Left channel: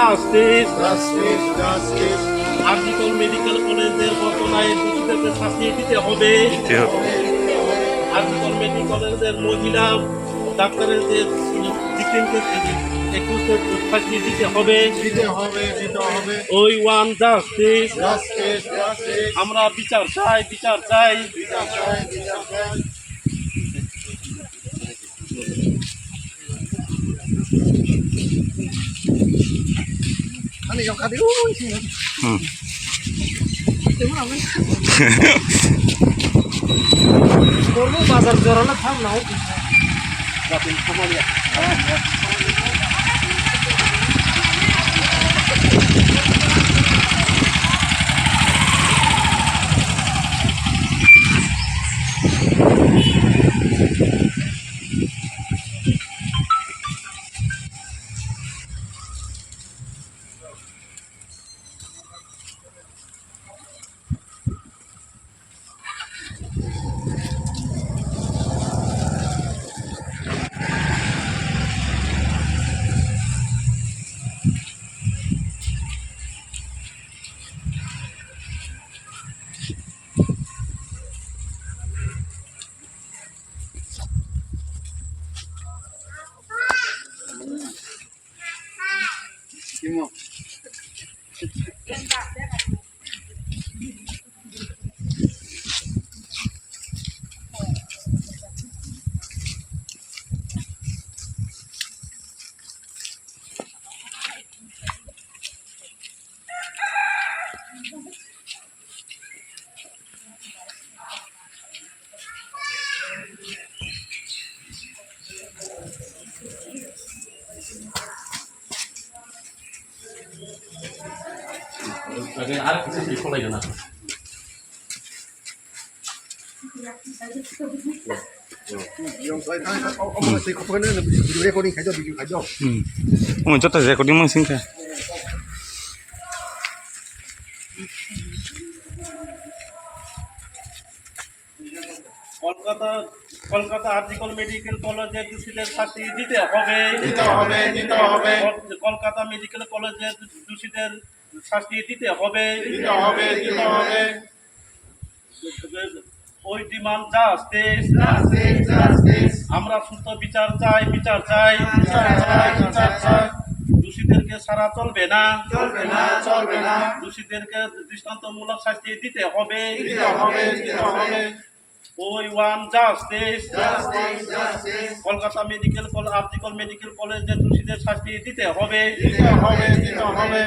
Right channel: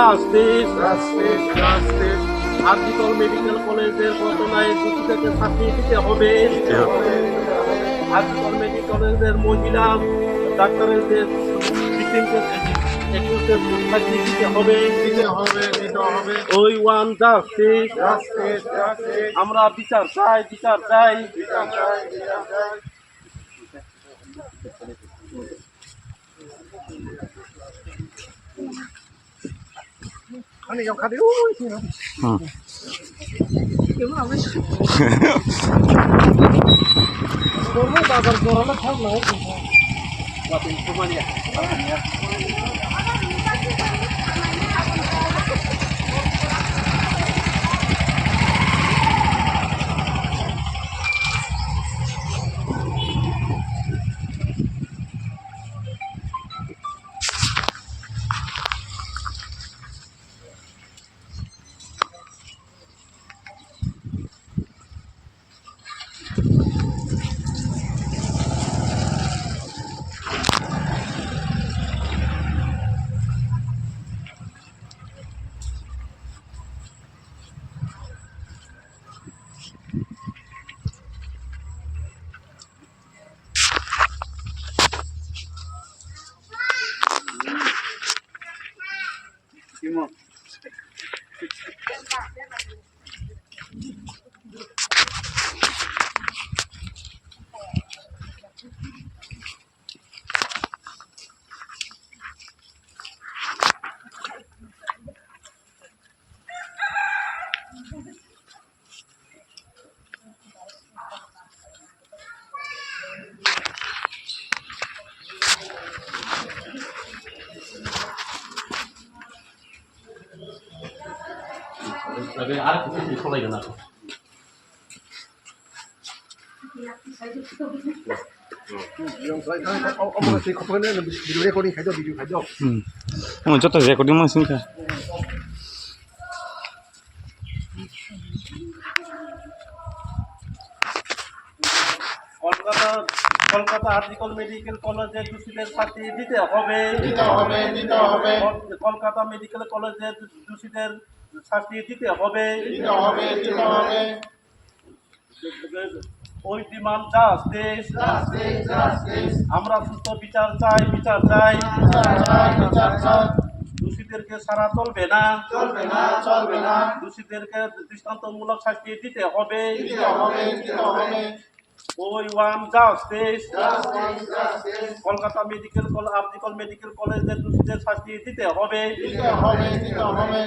Justice justice justice RG Kar medical কলেজের ঘটনায় দোষীদেরকে শাস্তি দিতে হবে। আরজিকর মেডিকেল কলেজের মহিলা ডাক্তারের যে 21 শাস্তি দিতে হবে। দিতে হবে দিতে হবে ওই ওয়ান জাস্টিস জাস্টিস জাস্টিস আমরা বিচার চাই বিচার চাই। বিচার চাই বিচার চাই আমি খাদি ওই ছিল করবো বাজার জোরানো থাক নাও আর কিছু ফলাই না 저때 레코딩만 생각. কলকাতা আরজিকর মেডিকেল কলেজের দোষীদের শাস্তি দিতে হবে। দিতে হবে দিতে হবে কলকাতা মেডিকেল কলেজের দোষীদের শাস্তি দিতে হবে। দিতে হবে দিতে হবে ওই ডিমান্ড জাস্টিস জাস্টিস জাস্টিস আমরা সুস্থ বিচার চাই বিচার চাই বিচার চাই বিচার চাই দোষীদেরকে সারা চলবে না চলবে না চলবে না দোষীদেরকে দৃষ্টান্তমূলক শাস্তি দিতে হবে। দিতে হবে দিতে হবে ওই want justice justice justice Kolkata medical college RG Kar medical কলেজের দোষীদের শাস্তি দিতে হবে। দিতে হবে দিতে হবে